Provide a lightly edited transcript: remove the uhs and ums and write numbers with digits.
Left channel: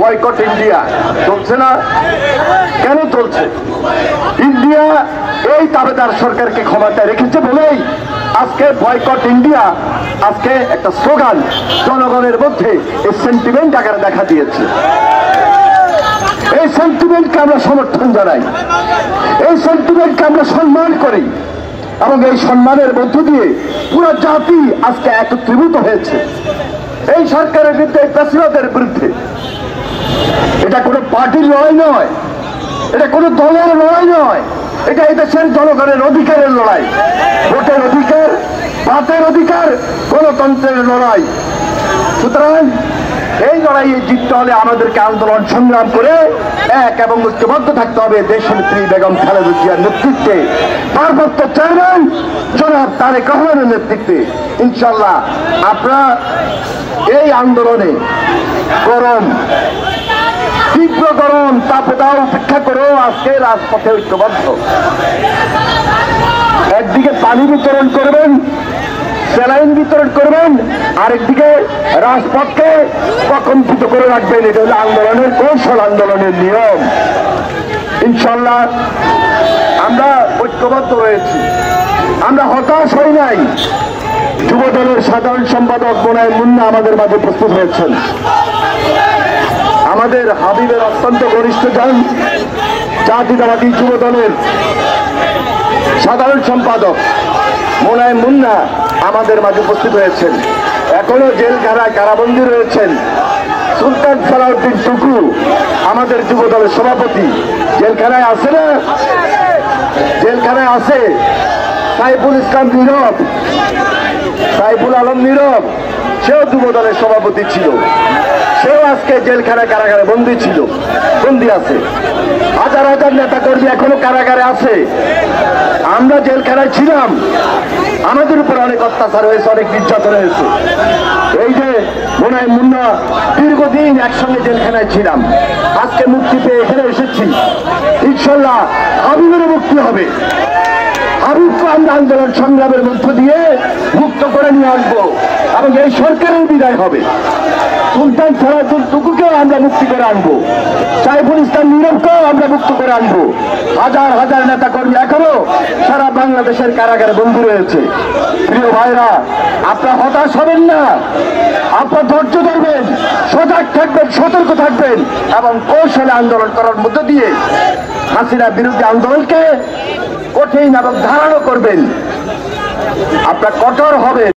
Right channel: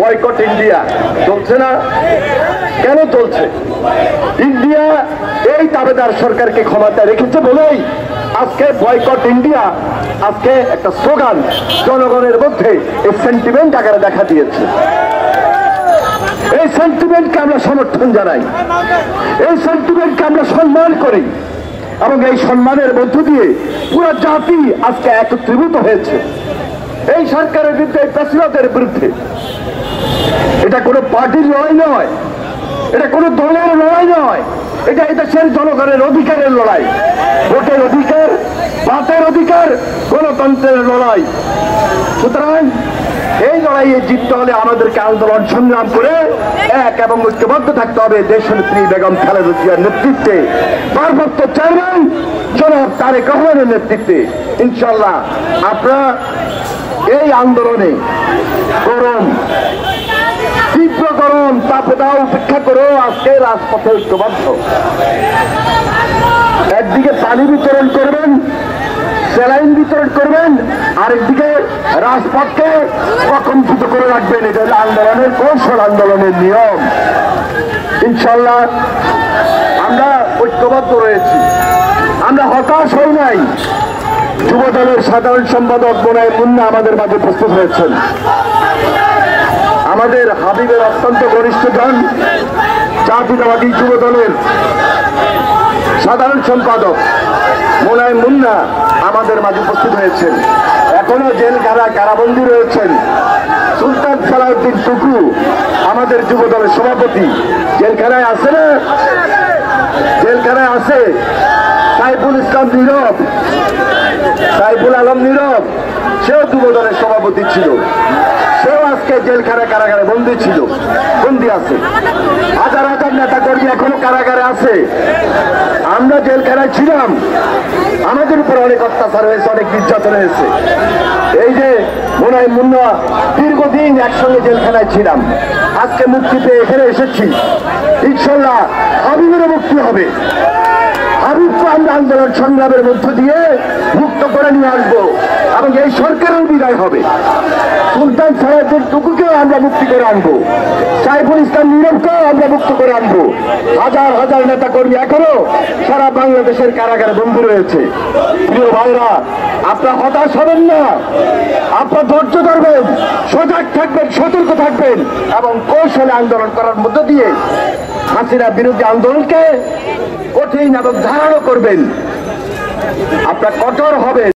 Boycott India চলছে না? কেন চলছে? ইন্ডিয়া এই দাবেদার সরকারকে ক্ষমতায় রেখেছে বলেই আজকে বয়কট ইন্ডিয়া আজকে একটা স্লোগান জনগণের মধ্যে এই সেন্টিমেন্ট আকারে দেখা দিয়েছে। এই সেন্টিমেন্টকে আমরা সমর্থন জানাই, এই সেন্টিমেন্টকে আমরা সম্মান করি এবং এই সম্মানের মধ্য দিয়ে পুরো জাতি আজকে একত্রীভূত হয়েছে এই সরকারের বিরুদ্ধে, এই ফ্যাসিবাদের বিরুদ্ধে। এটা কোনো পার্টির লড়াই নয়, এটা কোনো দলের লড়াই নয়, এটা এই দেশের জনগণের অধিকারের লড়াই, ভোটের অধিকার, ভাতের অধিকার, গণতন্ত্রের লড়াই। সুতরাং এই লড়াইয়ে জিততে হলে আমাদেরকে আন্দোলন সংগ্রাম করে এক এবং ঐক্যবদ্ধ থাকতে হবে দেশনেত্রী বেগম খালেদা জিয়ার নেতৃত্বে, ভারপ্রাপ্ত চেয়ারম্যান জনাব তারেক রহমানের নেতৃত্বে। ইনশাল্লাহ আপনারা এই আন্দোলনে গরম, তীব্র গরম তাপদাহ উপেক্ষা করেও আজকে রাজপথে ঐক্যবদ্ধ। একদিকে পানি বিতরণ করবেন, স্যালাইন বিতরণ করবেন, আরেকদিকে রাজপথকে প্রকম্পিত করে রাখবেন। এটা হলো আন্দোলনের কৌশল, আন্দোলনের নিয়ম। ইনশাল্লাহ আমরা ঐক্যবদ্ধ রয়েছি, আমরা হতাশ হই নাই। যুব দলের সাধারণ সম্পাদক মোনায়েম মুন্না আমাদের মাঝে উপস্থিত হয়েছেন। আমাদের হাবিবের অত্যন্ত ঘনিষ্ঠ জন জাতীয়তাবাদী যুব দলের সাধারণ সম্পাদক মোনায়েম মুন্না আমাদের মাঝে উপস্থিত হয়েছেন। এখনো জেলখানায় কারাবন্দী রয়েছেন সুলতান সালাউদ্দিন টুকু, আমাদের যুব দলের সভাপতি। জেলখানায় আছে না? জেলখানায় আছে। সাইফুল ইসলাম নীরব, সাইফুল আলম নীরব, সেও যুব দলের সভাপতি ছিল, সেও আজকে জেলখানায় কারাগারে বন্দী ছিল, বন্দী আছে। হাজার হাজার নেতা কর্মী এখনো কারাগারে আছে। আমরা জেলখানায় ছিলাম, আমাদের উপর অনেক অত্যাচার হয়েছে, অনেক নির্যাতন হয়েছে। এই যে মোনায়েম মুন্না, দীর্ঘদিন একসঙ্গে জেলখানায় ছিলাম, আজকে মুক্তি পেয়ে এখানে এসেছি। ইনশাল্লাহ হাবিবেরও মুক্তি হবে। হাবিবকে আমরা আন্দোলন সংগ্রামের মধ্য দিয়ে মুক্ত করে নিয়ে আসবো এবং এই সরকারের বিদায় হবে। সুলতান সালাউদ্দিন টুকুকেও আমরা মুক্তি করে আনবো, সাইফুল ইসলাম নীরবকেও আমরা মুক্ত করে আনবো। হাজার হাজার নেতা কর্মী এখনো সারা বাংলাদেশের কারাগারে বন্দী রয়েছে। প্রিয় ভাইরা, আপনারা হতাশ হবেন না, আপনারা ধৈর্য ধরবেন, সজাগ থাকবেন, সতর্ক থাকবেন এবং কৌশলে আন্দোলন করার মধ্য দিয়ে হাসিনা বিরোধী আন্দোলনকে কঠিন এবং ধারালো করবেন। আপনারা কঠোর হবেন।